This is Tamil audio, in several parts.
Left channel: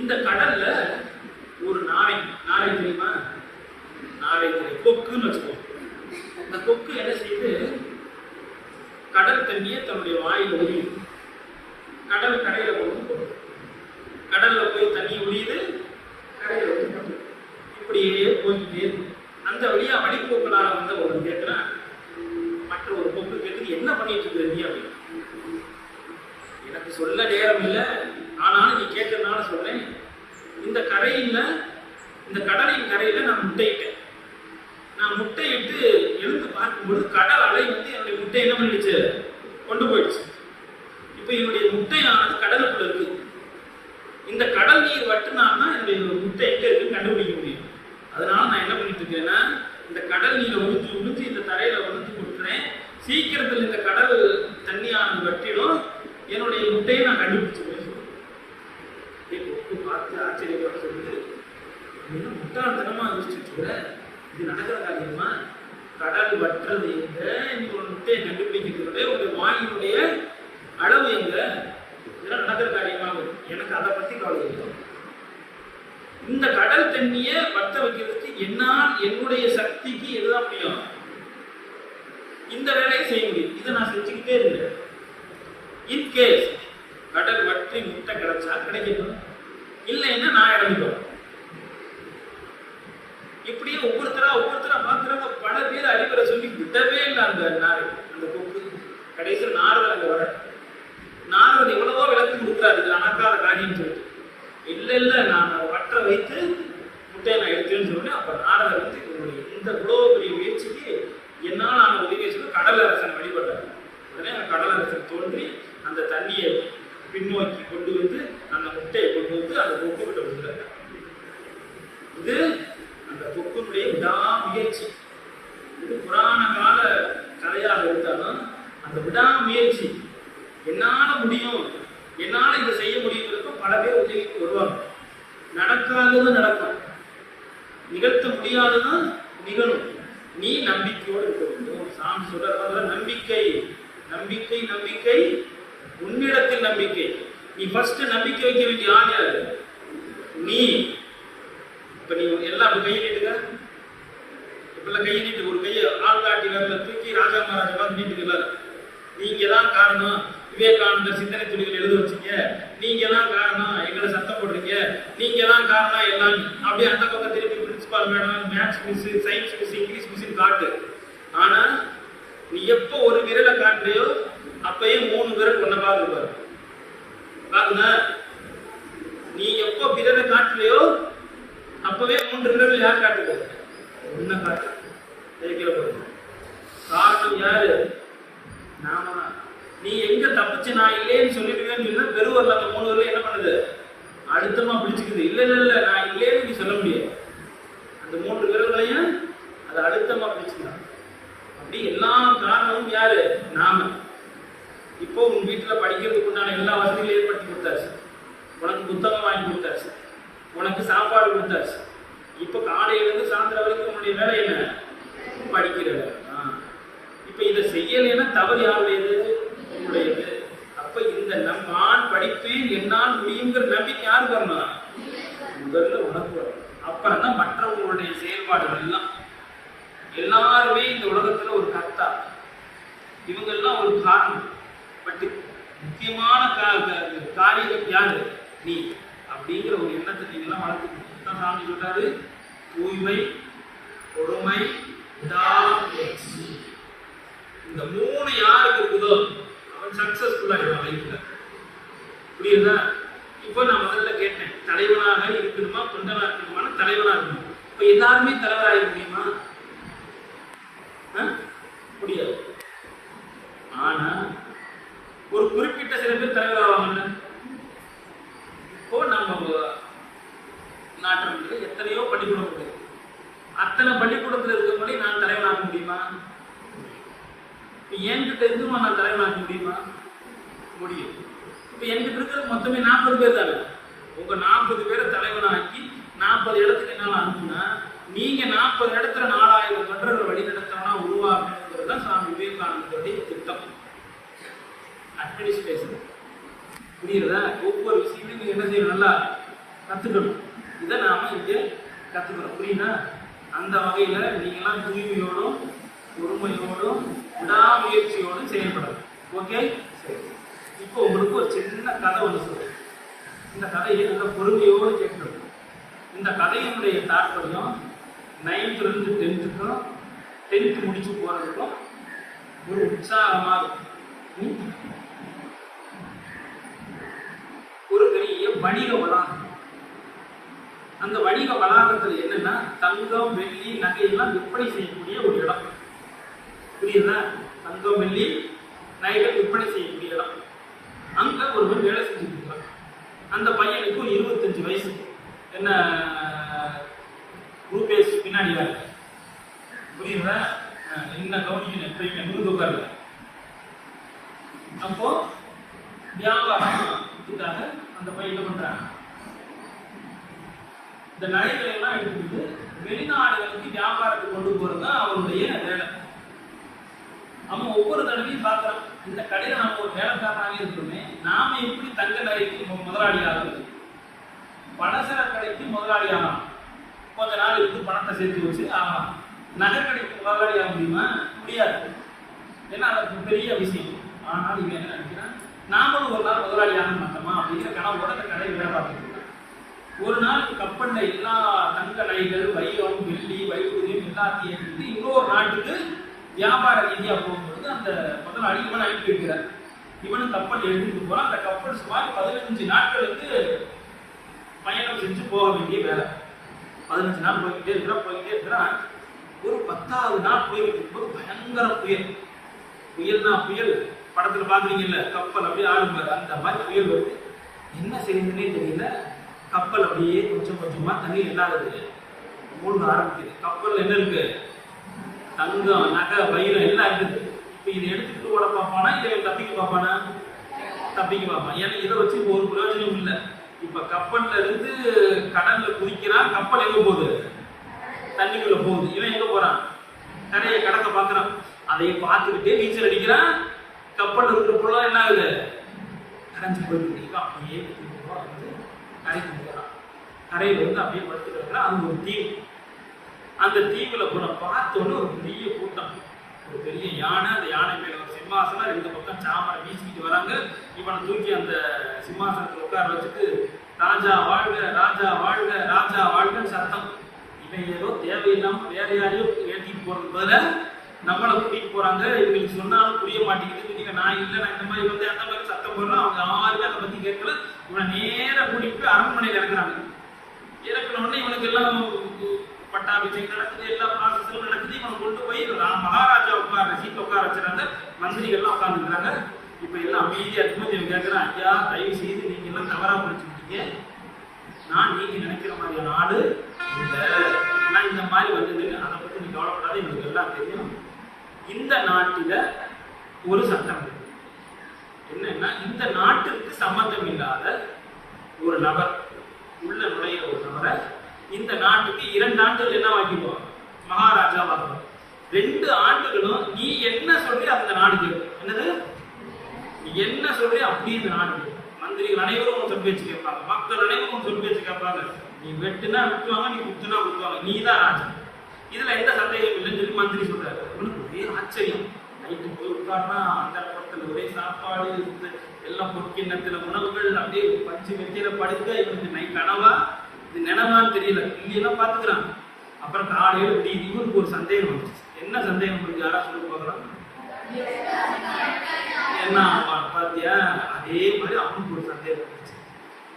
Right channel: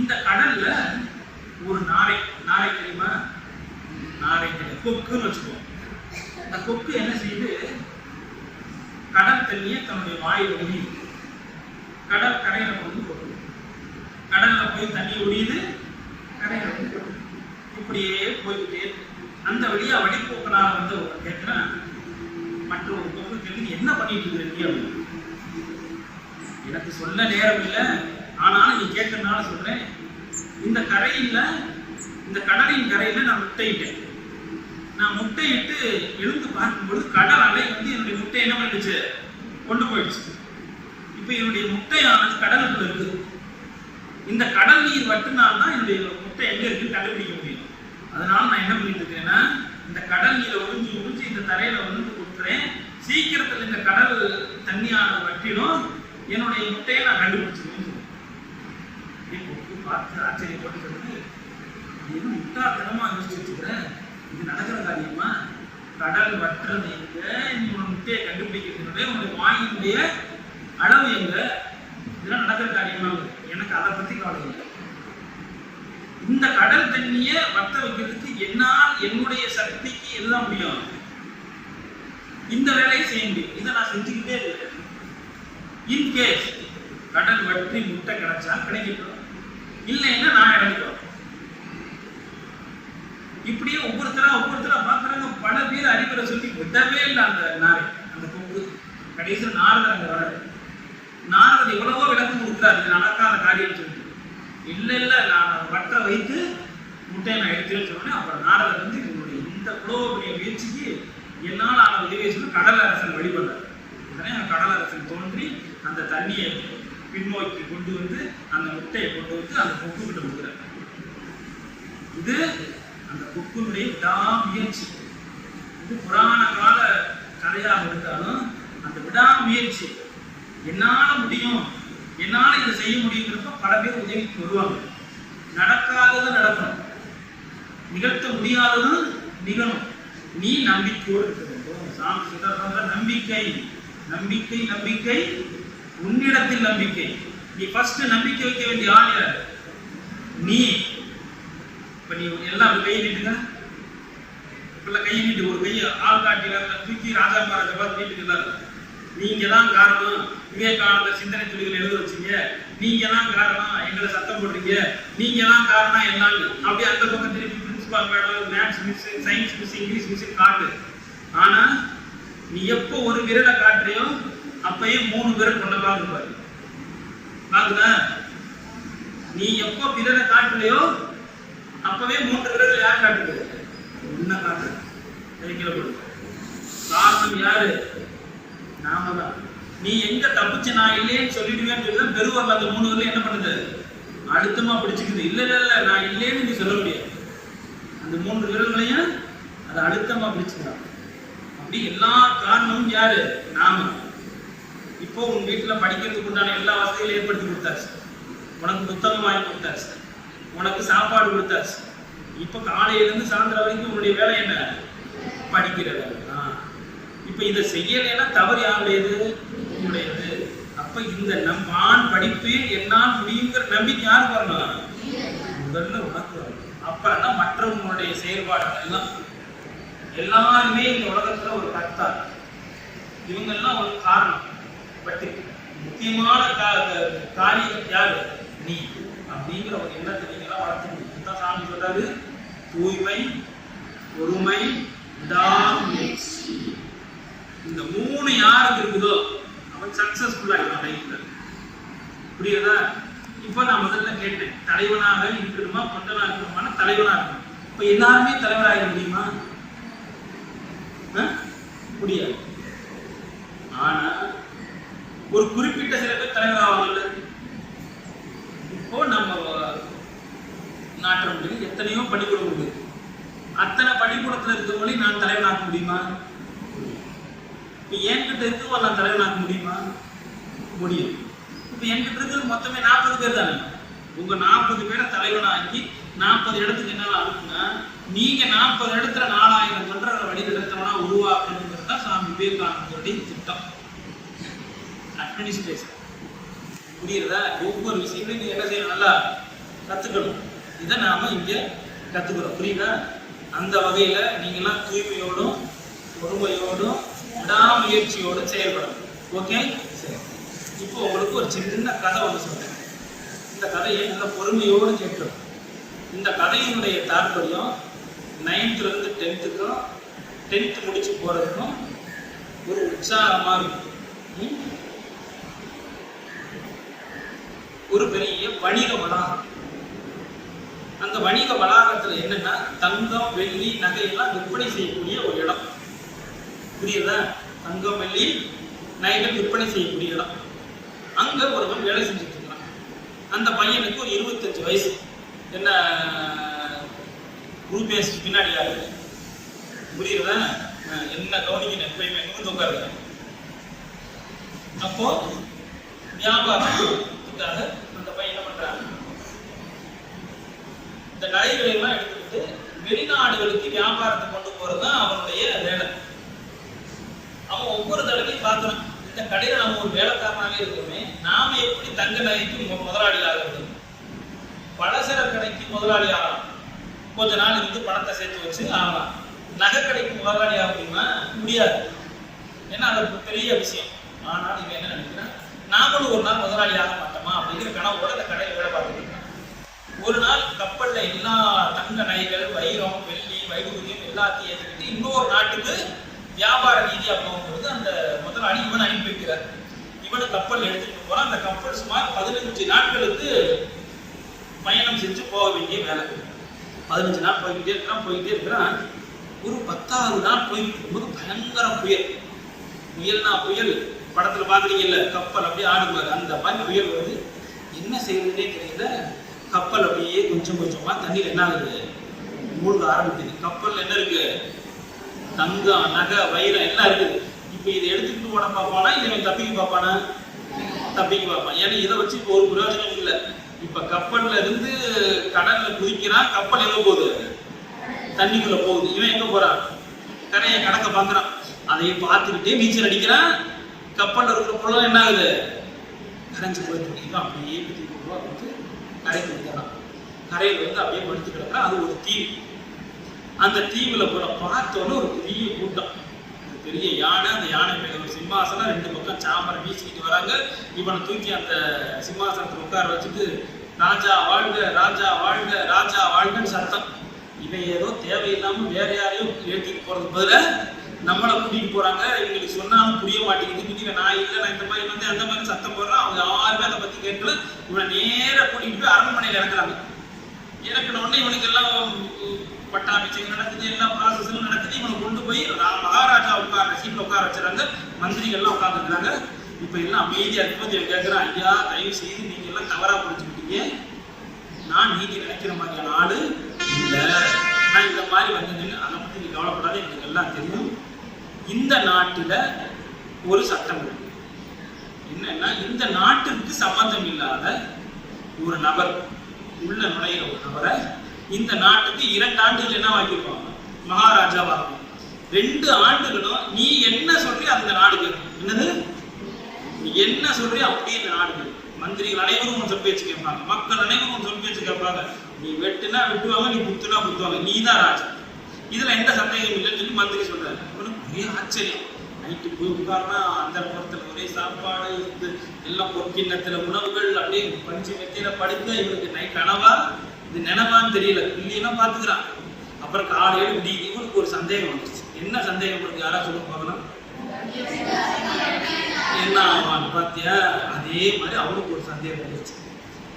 இந்த கடல்ல ஒரு நாரை தெரியுமா? நாரை தெரியும், கொக்குன்னு வச்சுக்கோ. அந்த கொக்கு என்ன செய்யுது? கடல் தண்ணியை தன்னுடைய வாயில் ஒழியுது. கடல் கரையில கொண்டு போகுது. கடல்ல போய் தண்ணி ஒழியுது, கரையில வந்து போகுது. இப்படியே போய்கிட்டே இருக்கு. அந்த வழியா வழிபோக்கனாக வந்து ஒரு கேட்கிறான். மற்ற ஒரு கொக்கு கேட்குது, என்ன பண்ணிட்டு இருக்கு அப்படின்னு. எனக்கு சொல்ல நேரம் இல்லை, ஆனால் நீ கேட்கறதுனால சொல்றேன். இந்த கரையில, இந்த கடலின் கரையில நான் முட்டையிட்டேன். நான் முட்டையிட்டு எழுந்து பார்க்கும்போது கடல் அலை வந்து என்னுடைய முட்டை என்ன பண்ணிடுச்சு? கொண்டு போயிடுச்சு. இப்ப என்னுடைய முட்டையானது கடலுக்குள்ள இருக்குது. இந்த கடல் நீர் வட்டுனால் தான் என்னுடைய முட்டை எங்க இருக்குன்னு கண்டுபிடிக்க முடியும். அதனால நான் என்ன பண்ணிட்டு இருக்கேன்னா, இந்த கடல் நீரை உறிஞ்சு இந்த தரையில வந்து கொடுத்துறேன். சீக்கிரத்தில் இந்த கடல் தண்ணியானது வட்டிடும், என்னுடைய முட்டையை நான் கண்டுபிடிச்சிருவேன்னு சொல்றேன். பார்த்து ஆச்சரியப்பட்டு சொல்லுது, என்ன முட்டாள்தனமா யோசிச்சுட்டு இருக்கிற? இது நடக்கிற காரியமா? கடல் வட்டுறது எங்க? நீ உன் முட்டையை கண்டுபிடிக்கிறது உங்களுடைய வாயினுடைய அளவு எங்க? இதெல்லாம் நடக்கிற காரியமா? எனக்கு அதை பத்தி கவலை இல்லை. இந்த கடல் தண்ணியை வட்ட வைக்கிறதுக்கு என்னால் என்னுடைய சக்திக்கு எதுதான் முடியும்? இந்த வேலையை செய்ய முடியும். இதை நான் செஞ்சுக்கிட்டே இருக்கேன். இன்கேஸ் கடல் வற்றி முட்டை கிடைச்சா கிடைக்கும், இல்லைன்னா நான் இறங்கிடுவேன். இப்படியே ஒவ்வொருத்தரா பார்க்குறாங்க. பல பேர் அறிவுரை சொல்லி விடவே இல்லை அந்த நாரை, அந்த கொக்கு. கடைசியில் நாரதர் அங்க வர. நாரதர் எவ்வளவோ விளக்கம் கொடுக்குறாரு, இது நடக்காத காரியம் சொல்லிட்டு. இல்லை நான் வற்ற வைத்து முட்டையை நான் எடுத்துன்னு சொல்றேன். அப்ப நாரதர் வந்து இவருடைய இந்த இவ்வளவு பெரிய முயற்சிக்கு என்னால் ஆன உதவியை சொல்லி கடலரசன் வழிபடுறார். உடனே கடலரசன் தோன்றி அந்த தண்ணியை பின்னோக்கி கொண்டு வந்து அந்த முட்டையை கொண்டு வந்து அந்த கொக்கு கிட்ட கொடுக்குறார். இது அந்த கொக்குடைய விடாமுயற்சி. இது புராண கால கதையாக இருந்தாலும் அந்த விடாமுயற்சி, என்னால முடியும், என்னால இதை செய்ய முடியுங்கிறப்ப பல பேர் உதவிக்கு வருவாங்க. நடக்காதது நடக்கும், நிகழ்த்த முடியாததும் நிகழும். நீ நம்பிக்கையோடு இருக்க வேண்டும். சாமி சொல்ற நம்பிக்கை நம்பிக்கை நம்பிக்கை, உன்னிடத்தில் நம்பிக்கை. நீ ஃபர்ஸ்ட் நம்பிக்கை வைக்க வேண்டிய ஆள் யாரு? நீ. இப்ப நீ எல்லாம் கையை நீட்டுங்க. இப்பெல்லாம் கையை நீட்டு, ஒரு கையை ஆள் காட்டில தூக்கி ராஜா மகாராஜா பார்த்து நீட்டுக்கல. நீங்க தான் காரணம், விவேகானந்தர் சிந்தனை துளிகள் எழுத வச்சீங்க, நீங்க தான் காரணம், எங்களை சத்தம் போடுறீங்க, நீங்க தான் காரணம் எல்லாம். அப்படியே அந்த பக்கம் திருப்பி principal madam, maths miss, science miss, English miss காட்டு. ஆனா நீ எப்போ ஒரு விரலை காட்டுறியோ அப்பயே 3 விரல் கொண்ட பாருப்பாரு. பாக்குதா? நீ எப்போ விரலை காட்டுறியோ அப்பவே 3 விரல் யார் காட்டுறது? உன்ன காட்டு. காரணம் யாரு? நாம தான். நீ எங்க தப்பிச்சு நான் இல்லேன்னு சொல்லிடுவேன்னு சொல்லி பெருவரில் அந்த 3 விரல் என்ன பண்ணுது? அழுத்தமா பிடிச்சுக்குது. இல்ல நான் இல்லேன்னு நீ சொல்ல முடியாது. அந்த 3 விரல்களையும் அதை அழுத்தமா பிடிச்சுக்கலாம். அப்படி எல்லா காரணமும் யாரு? நாம. இப்போ உன் வீட்டுல படிக்கிறதுக்கு உண்டான எல்லா வசதிகளையும் ஏற்படுத்தி கொடுத்தாச்சு. உனக்கு புத்தகம் வாங்கி கொடுத்தாச்சு, உனக்கு சாப்பாடு கொடுத்தாச்சு. இப்ப காலையில இருந்து சாயந்தரம் வரைக்கும் உன்னுடைய வேலை என்ன? படிக்கிற வேலை. இப்ப இதை செய்யலைன்னா தவறு யாருடையது? உன்னுடையது. அப்ப இந்த நான் படிப்பேன், என்னால் முடியுங்கிற நம்பிக்கை யாருக்கு வரணும்? முதல்ல உனக்கு வரணும். அப்பதான் மற்றவங்களுடைய செயல்பாடுகள் எல்லாம். எல்லாருமே இந்த உலகத்துல ஒரு கர்த்தா, இவங்க எல்லாம் ஒரு காரணம். பட் முக்கியமான காரியம் யாரு? நீ. அப்படிங்கிற ஒரு எண்ணத்தை நீங்க எல்லாம் வளர்த்துக்கணும். தான் சாமி சொல்றாரு, தூய்மை, பொறுமை, விடாமுயற்சி. இந்த 3 யாருக்கு இருக்குதோ அவன் சக்சஸ்ஃபுல்லா இருக்கான் லைஃப்ல. புரியுதா? இப்போ நான் முதல்ல கேட்டேன், தலைவனாக இருக்கணுமா தொண்டனா இருக்கணுமா? தலைவனா இருக்கணும். இப்ப எல்லாருமே தலைவராக முடியுமா? முடியாது. ஆனா ஒரு குறிப்பிட்ட சில பேர் தலைவராவாங்கல்ல. இப்போ நம்ம நாட்டில் எத்தனையோ பள்ளிக்கூடம் உண்டு. அத்தனை பள்ளிக்கூடத்தில் இருக்கவங்களே நான் தலைவனாக்க முடியுமா? இப்ப என்கிட்ட இருக்கவங்க நான் தலைவனாக்க முடியுமா? முடியும். இப்ப என்கிட்ட இருக்கிற மொத்தமே 40 பேர் தானே. உங்க 40 பேரை தலைவனாக்கி 40 இடத்துக்கு என்ன அனுப்புனா, நீங்க 40 இடத்துல 4000 தொண்டர்களை வழி நடத்தவனா உருவாக்கணுங்கிறது தான் சாமி விவேகானந்தருடைய திட்டம். அட்மினிஸ்ட்ரேஷன். புரியுறதா? ஒவ்வொரு விஷயங்களும் நீங்க என்ன செய்யணும்? நல்லா கத்துக்கணும். இதை நாம இங்கே கத்துக்கிறோம். புரியுதா? அந்த வகையில நீங்களாம் தூய்மையோடும் பொறுமையோடும் விடாமுயற்சியோடும் செயல்படணும். ஓகே? சரி. இப்போ உங்களுக்கு ஒரு சின்ன கதை ஒன்று சொல்றேன். இந்த கதையை நல்ல பொறுமையோடு கேட்கணும். இந்த கதையினுடைய தாற்பயம் 9th இருந்து 10th 10th முடிச்சு போறதுக்கும் ஒரு உற்சாகமா இருக்கும். ஒரு பெரிய வணிக வளாகம். அந்த வணிக வளாகத்துல என்னன்னா தங்கம் வெள்ளி நகையெல்லாம் விற்பனை செய்யக்கூடிய ஒரு இடம். புரியுதா? தங்கம் வெள்ளி நகைகள் விற்பனை செய்யக்கூடிய இடம். அங்க ஒருவன் வேலை செஞ்சுட்டு இருக்கான். அந்த பையனுக்கு ஒரு 25 வயசு. என்ன குரூபேஸ் பின்னாடி யாரு? புரியுதா? என்ன கவனிக்கணும், எப்பயுமே நிமிர்ந்து உட்காருங்க. அப்போ வியாபாரத்துக்காக அந்த பையன் என்ன பண்றான், இந்த நகைகளை எல்லாம் எடுத்துக்கிட்டு வெளிநாடுகளுக்கு வியாபாரத்துக்கு கொண்டு போறதுதான் அவனுடைய வேலை. அவன் ஒவ்வொரு தடவையும் பார்க்கறான், இந்த கடையில நம்ம ஒரு வேலைக்காரனாவே இருக்கோமே, நாம எப்படி தங்க நகைக்கு முதலாளி ஆகிறது, பலசர கடைக்கு முதலாளி ஆகலாம், கொஞ்ச நாள் இருந்து பணத்தை சேர்த்து வச்சு ஆகலாம். நகை கடைக்கு முதலாளி ஆக முடியுமா? முடியாது. ஏன்னா அது பெரிய விஷயம். ஆனால் இவன் என்ன நினைக்கிறான், நாமளும் ஒரு நாள் முதலாளி ஆக மாட்டோமா அப்படிங்கிற கனவோட அந்த கடையில் வேலை பார்த்துட்டு இருக்கான். ஒரு நாள் கப்பல்ல எல்லா தங்க நகைகள், வைரம், வெள்ளி, வைடூரியம் எல்லாத்தையும் ஏற்றிட்டு இன்னொரு நாட்டுக்கு வியாபார ரீதியா போகும்போது அந்த முதலாளி இவனை அனுப்பி வைக்கிறார். இவனு கப்பல் எடுத்துட்டு போறான். அந்த கப்பல் சுமார் 15 நாட்களுக்கு பயணம் செஞ்சு போக வேண்டிய வேலை. 15 நாள் போய்கிட்டே இருக்கிறான். ஒரு 10வது நாள் போய்கிட்டு இருக்கும்போது பயங்கர புயல். புயல்னா புயல் படத்துல பாக்குறீங்கல்ல, கப்பல் அப்படியே ஆடுமாரு, அந்த மாதிரி புயல் வருது. என்ன செய்யணுன்னே தெரியல. கப்பல் அப்படியே கொஞ்சம் கொஞ்சமா தண்ணீர் என்ன ஆகுது, மூழ்க ஆரம்பிக்குது. கப்பல்ல என்ன இருக்கு, தங்கம், நகை, வைரம் எல்லாம் இருக்குது. இப்ப இதை எடுத்துக்கிட்டு ஓட பார்ப்பானா, இதை தப்பிக்க பார்ப்பானா? தப்பிக்க பார்ப்பான். ஏன்னா இதை வச்சு ஒரு பிரயோஜனம் இல்லை. இப்ப கப்பல்ல இருந்து கடல்ல குதிக்கிறான். கப்பல் எங்க போகுது, தண்ணிக்குள்ள போகுது. இவன் எங்க போறான், கரையை கடக்க பார்க்கறான். அதையும் பார்த்துக்கிட்டே நீச்சல் அடிக்கிறான். கப்பல் இருக்கிற பொருள் என்ன ஆகுது, கரைஞ்சு போயிட்டு இவன் அப்படியே வந்து கரைக்கு வந்துடுறான். கரையில வந்து அப்படியே படுத்து கிடக்கிறான். அது ஒரு தீவு. அந்த தீவுல போற பார்த்தோன்னு ஒரு பெரிய கூட்டம், ஒரு பெரிய யானை. அந்த யானை மேல ஒரு சிம்மாசனம், 2 பக்கம் சாமரை வீசிக்கிட்டு வராங்க. இவனை தூக்கி அந்த சிம்மாசனத்துல உட்கார வச்சுட்டு ராஜா வாழ்க, ராஜா வாழ்க, ராஜா வாழ்கன்னு சத்தம். இவன் ஏதோ தேவையில்லாம வேற யாரையும் ஏற்றிட்டு போறது பதில நம்மளை கூட்டிட்டு போறாங்க. இவங்களுக்கு சொன்னாலும் புரிய மாட்டேங்குது. நான் இல்லை, நான் இந்த மாதிரி வந்து அந்த மாதிரி சத்தம் போடுறான். அவங்க யாருமே அதை பத்தி கேட்கல. இவனை நேர கூட்டிட்டு போய் அரண்மனையில இறக்குறாங்க. இறக்குனோடனே இவனுக்கு எல்லாம் பட்டாபிஷேகம் நடக்குது, எல்லா ப்ராசஸும் நடக்குது. இவனை கொண்டு போய் மகாராஜா உட்கார சீட்ல உட்கார வச்சுறாங்க. மந்திரிகள்லாம் உட்காந்துருக்காங்க. இப்ப எல்லாம் அமைதியா இருக்கும்போது இவன் கேட்கிறான், ஐயா தயவு செய்து நீங்க எல்லாம் தவறா பிடிச்சுக்கிட்டீங்க. நான் நீதி நினைக்கிற மாதிரியான ஆளு இல்லை. நான் இந்த மாதிரி வந்தது, அதை பத்தி நீ கவலைப்படாத, எங்களுக்கு எல்லாம் தெரியும். இந்த நாட்டுல ஒரு சட்டம் இருக்கு. என்னன்னா, இந்த நாட்டுக்கு சம்பந்தம் இல்லாத ஒரு நபர் உள்ள நுழையிற ஒரு நபரை இந்த நாட்டுக்கு 2 ஆண்டுகள் என்ன வாக்கிடுவாங்க, மகாராஜா வாக்குவாங்க. 2 ஆண்டுகளும் நீ என்ன சொல்றியோ அந்த நாடு கேட்கும். என்னது, நீ என்ன சொல்றியோ அப்படியே இந்த நாடு கேட்கும். மந்திரிகள் அனைவரும் சொல் பேச்சு கேட்பாங்க, மக்கள் அனைவரும் சொல் பேச்சு கேட்பாங்க. நீ வெட்டுனா வெட்டுவாங்க, நீ குத்துனா குத்துவாங்க, நீ தான் ராஜா. இதுல எந்த சந்தேகம் இல்லைன்னு சொல்லி மந்திரி சொல்றாரு. அவனுக்கு ஒரே ஆச்சரியம். நைட்டு போய் உட்கார்னா அந்த புறத்துல ஒரே சாப்பாடு இருக்கு, எல்லாம் பொற்கிண்ணத்துல உணவுகள், அப்படியே பஞ்சு மெத்தியில படுக்க. இவனுக்கு நைட் கனவா இது நினைவான்னு தெரியல, இல்லையெல்லாம் பாத்துக்கிறான். அப்புறம் காலையில விடியுது. இவனுக்கு ஒரு சந்தேகம் வந்துருச்சு. என்ன சந்தேகம் இருக்கு, யாரா சொல்ல பார்க்கலாம், என்ன ஆவான்னு பாத்தியா? அதே மாதிரி அவனுக்கு ஒரு சந்தேகம் வந்துருச்சு.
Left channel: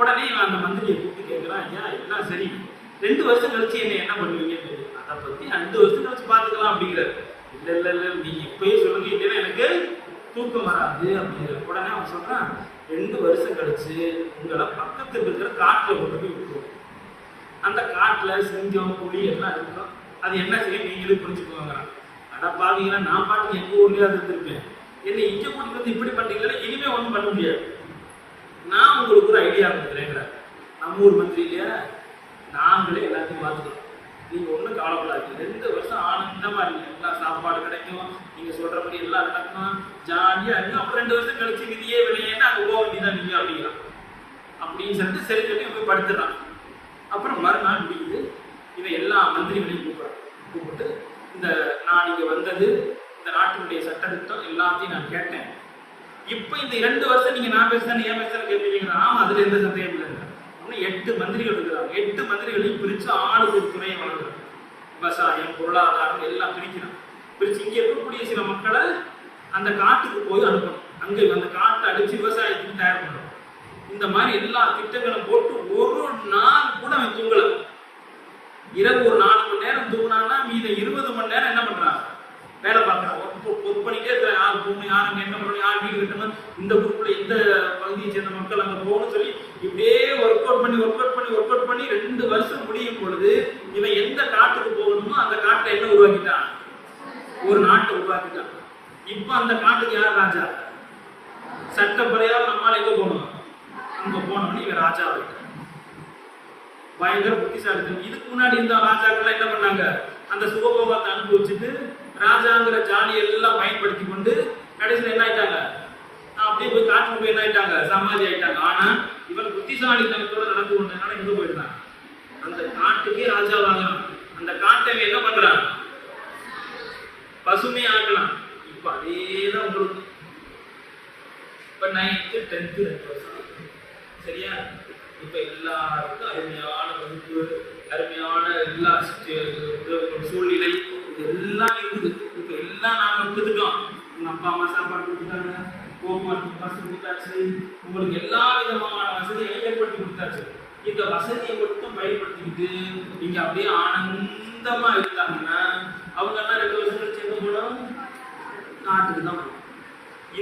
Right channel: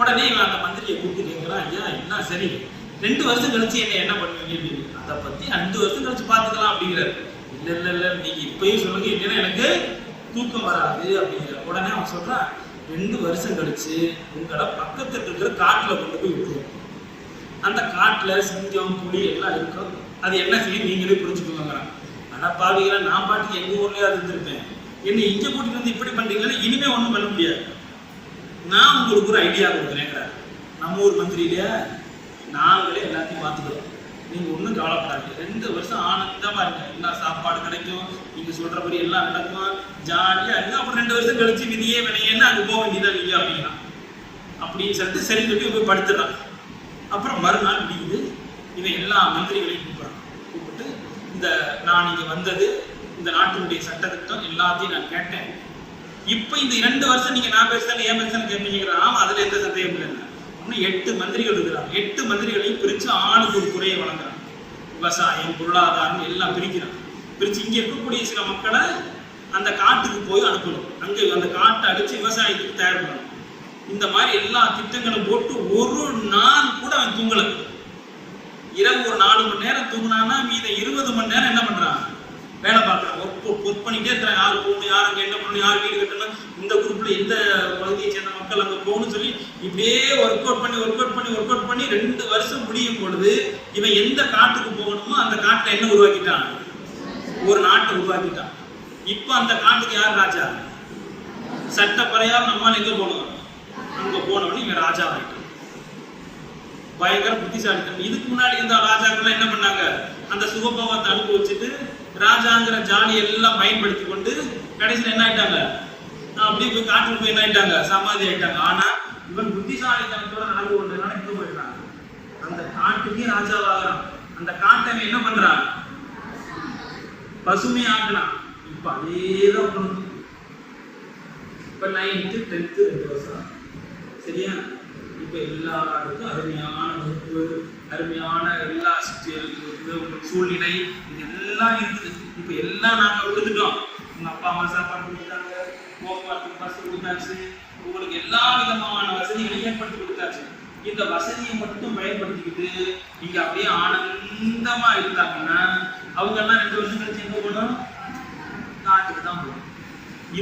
உடனே இவன் அந்த மந்திரியை கூப்பிட்டு கேட்கிறான், ஐயா என்ன சரி 2 வருஷம் கழிச்சு என்ன பண்ணுவீங்க, அதை பத்தி 2 வருஷம் கழிச்சு பாத்துக்கலாம் அப்படிங்கிறாரு. இல்ல இல்ல இல்ல, நீங்க இப்பயே சொல்லுங்க, இல்லைன்னா எனக்கு தூக்கம் வராது அப்படிங்கிற. உடனே அவன் சொல்றான், 2 வருஷம் கழிச்சு உங்களை பக்கத்துல இருக்கிற காட்டுல கொண்டு போய் விட்டுருவோம். அந்த காட்டுல சிங்கம், புலி எல்லாம் இருக்கும். அது என்ன செய்யும் நீங்களே புரிஞ்சுக்கோங்க. அட பாவிகளா, நான் பாட்டுக்கு எங்க ஊர்லயே அது இருந்திருக்கேன், என்ன இங்க கூட்டிட்டு வந்து இப்படி பண்றீங்கன்னா இனிமே ஒண்ணும் பண்ண முடியாது. நான் உங்களுக்கு ஒரு ஐடியா கொடுக்குறேங்கிறார். நம்ம ஊர் மந்திரி இல்லையா, நாங்களே எல்லாத்தையும் பார்த்துக்கிறோம், நீங்க ஒன்றும் கவலைப்படாது. 2 வருஷம் ஆனந்தமா இருங்க, எல்லா சாப்பாடு கிடைக்கும், நீங்க சொல்றபடி எல்லாம் நடக்கும், ஜாலியா இருங்க. அப்புறம் 2 வருஷம் கழிச்சு விதியே வினையேன்னு அங்க போக வேண்டியதான் நீங்க அப்படிங்கிறான். அப்படின்னு சொல்லிட்டு சரி போய் படுத்துறான். அப்புறம் மறுநாள் முடியுது. இவன் எல்லா மந்திரிகளையும் கூப்பிட்டு நான் இங்க வந்தது இந்த நாட்டினுடைய சட்டத்திட்டம் எல்லாத்தையும் நான் கேட்டேன். இப்ப இந்த 2 வருஷம் நீங்க நான் பேசுறேன் ஏன் பேசுறேன் கேட்பீங்க. ஆமா, அதுல எந்த சந்தேகம் இல்லைங்க. 8 மந்திரிகள் இருக்கிறாங்க. 8 மந்திரிகளையும் பிரிச்சு ஆளுக்கு ஒரு துறையை வழங்குறாங்க. விவசாயம், பொருளாதாரம் எல்லாம் பிரிச்சு இங்க இருக்கக்கூடிய சில மக்களை அந்த காட்டுக்கு போய் அனுப்பணும். அங்க அந்த காட்டை அடிச்சு விவசாயத்துக்கு தயார் பண்ணணும். இந்த மாதிரி எல்லா திட்டங்களும் போட்டு ஒரு நாள் கூட அவன் தூங்கல. இரவு ஒரு 4 மணி நேரம் தூங்கினான்னா மீத 20 மணி நேரம் என்ன பண்றான், வேலை பார்க்கறான். ஒர்க் பண்ணிட்டே இருக்கிறான். யார் போகணும், யார் அங்கே என்ன பண்ணணும், யார் வீடு கட்டணும், இந்த குரூப்ல எந்த பகுதியை சேர்ந்த மக்கள் அங்கே போகணும்னு சொல்லி இப்படியே ஒர்க் அவுட் பண்ணி 2 வருஷம் முடியும் பொழுது இவன் எந்த காட்டுக்கு போகணுமோ அந்த காட்டை என்ன உருவாக்கிட்டான், ஒரு நாட்டை உருவாக்கிட்டான். இப்ப அந்த காட்டுக்கு யார் ராஜா? சட்டப்பறையால் நம்மால் எங்க போகணும், அங்க போனோம்னு இவன் ராஜா ஆகிட்டான். பயங்கர புத்திசாலித்தனம். இதுக்கு முன்னாடி இந்த ராஜாக்கள் என்ன பண்ணாங்க, அந்த சுகபோகத்தை அனுபவிச்சுட்டு ராஜாங்கிற ஜாலியை எல்லாம் பயன்படுத்தி கொண்டு கடைசியில் என்ன ஆயிட்டாங்க, அப்படியே போய் காட்டுக்கு போய் என்ன ஆயிட்டாங்க, சமாதி ஆயிட்டாங்க. ஆனா இவன் புத்திசாலித்தனத்தோட நடந்து கொண்டதுனால எங்க போயிட்டான், அந்த காட்டுக்கே ராஜாவாகிறான். அந்த காட்டை என்ன பண்றான், பசுமையாக்கலாம். இப்ப அதேதான் பொருள். இப்ப 9th 10th 2 வருஷம் சரியா. இப்ப எல்லாருக்கும் அருமையான வகுப்பு, அருமையான எல்லா சூழ்நிலை இது எல்லாம் இருக்குது. இப்ப எல்லாம் நாங்க கொடுத்துட்டோம். உங்க அப்பா அம்மா சாப்பாடு கொடுத்துட்டாங்க, போக்குவரத்து பஸ் கொடுத்தாச்சு, உங்களுக்கு எல்லா விதமான வசதிகளையும் ஏற்படுத்தி கொடுத்தாச்சு. இந்த வசதியை மட்டும் பயன்படுத்திக்கிட்டு நீங்க அப்படியே ஆனந்தமா இருந்தாங்கன்னா அவங்க எல்லாம் 2 வருஷம் கழிச்சு எங்க போகணும், நாட்டுக்கு தான் போகணும்.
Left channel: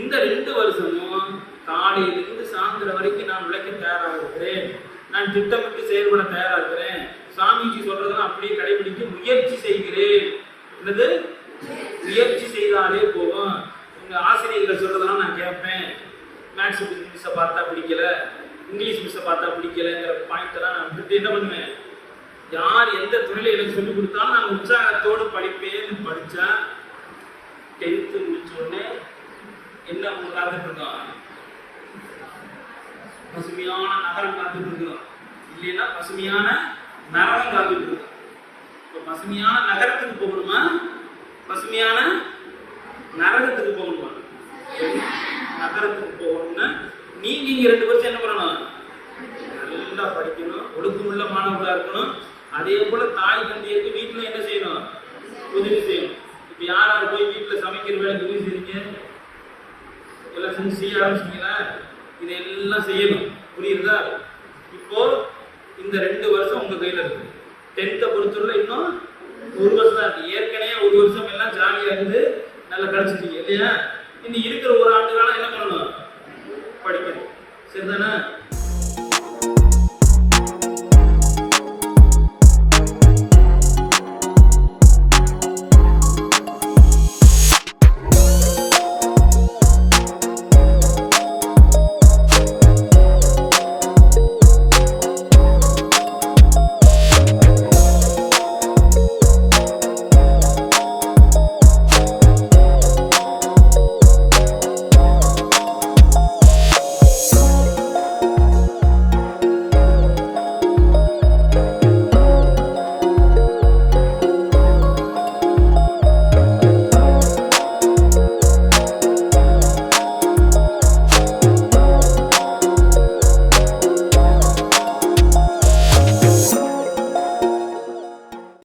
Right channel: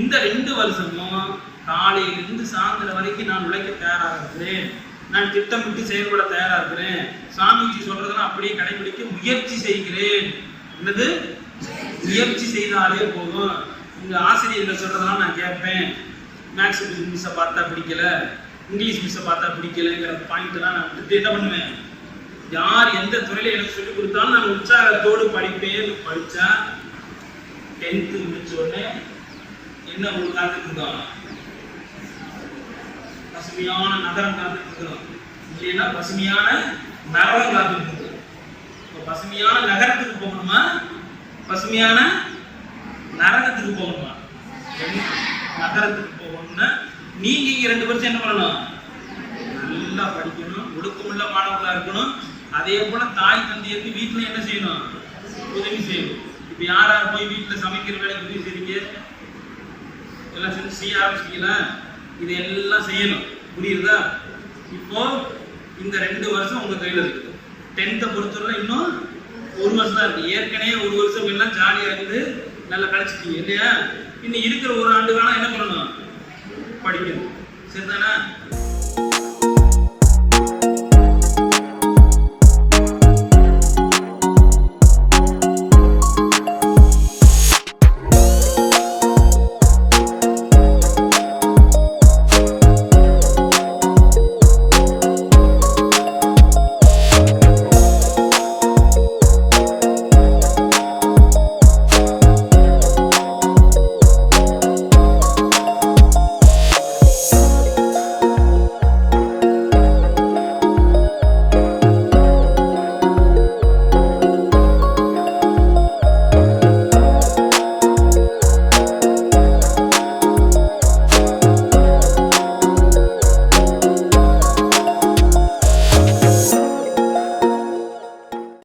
இந்த 2 வருஷமும் காலையிலிருந்து சாயந்தரம் வரைக்கும் நான் உழைக்க தயாராக இருக்கிறேன். நான் திட்டமிட்டு செயல்பட தயாராக இருக்கிறேன். சாமிஜி சொல்றதெல்லாம் அப்படியே கடைபிடிக்க முயற்சி செய்கிறேன். என்னது, முயற்சி செய்தாலே போதும். உங்க ஆசிரியர்கள் சொல்றதெல்லாம் நான் கேட்பேன். மேக்ஸ் மிஸ்ஸை பார்த்தா பிடிக்கல, இங்கிலீஷ் மிஸ்ஸை பார்த்தா பிடிக்கலங்கிற பாயிண்ட் எல்லாம் நான் விட்டுட்டு என்ன பண்ணுவேன், யார் எந்த துறையில எனக்கு சொல்லிக் கொடுத்தாலும் நான் உற்சாகத்தோடு படிப்பேன். படிச்சா 10th முடிச்ச உடனே என்ன உங்களுக்கு காத்துட்டு இருக்கோம், பசுமையான நகரம் காத்துட்டு இருக்கிறோம். இல்லைன்னா பசுமையான நரகம் காத்துட்டு இருக்கோம். இப்போ பசுமையான நகரத்துக்கு போகணுமா, பசுமையான நரகத்துக்கு போகணுமா? நகரத்துக்கு போகணும்னா நீங்க இங்க 2 வருஷம் என்ன பண்ணணும், நல்லா படிக்கணும், ஒழுக்கமுள்ள மாணவர்களா இருக்கணும். அதே போல தாய் தந்தையருக்கு வீட்டுல என்ன செய்யணும், உதவி செய்யணும். இப்ப யாராவது போய் வீட்டுல சமைக்கிற வேலைக்கு உதவி செய்றீங்க, எல்லாம் செய்ய ஆரம்பிச்சிட்டீங்களா? இதெல்லாம் செய்யணும். புரியுதா? இப்போ இந்த 2 வருஷம் உங்க கையில இருக்கு. 10th பொறுத்தவரை இன்னும் 1 வருஷம் தான் இருக்கு. ஏற்கனவே 1 வருஷம் எல்லாம் ஜாலியா இருந்து நல்லா கழிச்சிட்டீங்க இல்லையா? இன்னும் இருக்கிற 1 ஆண்டு காலம் என்ன பண்ணணும், படிக்கணும். சரிதானே?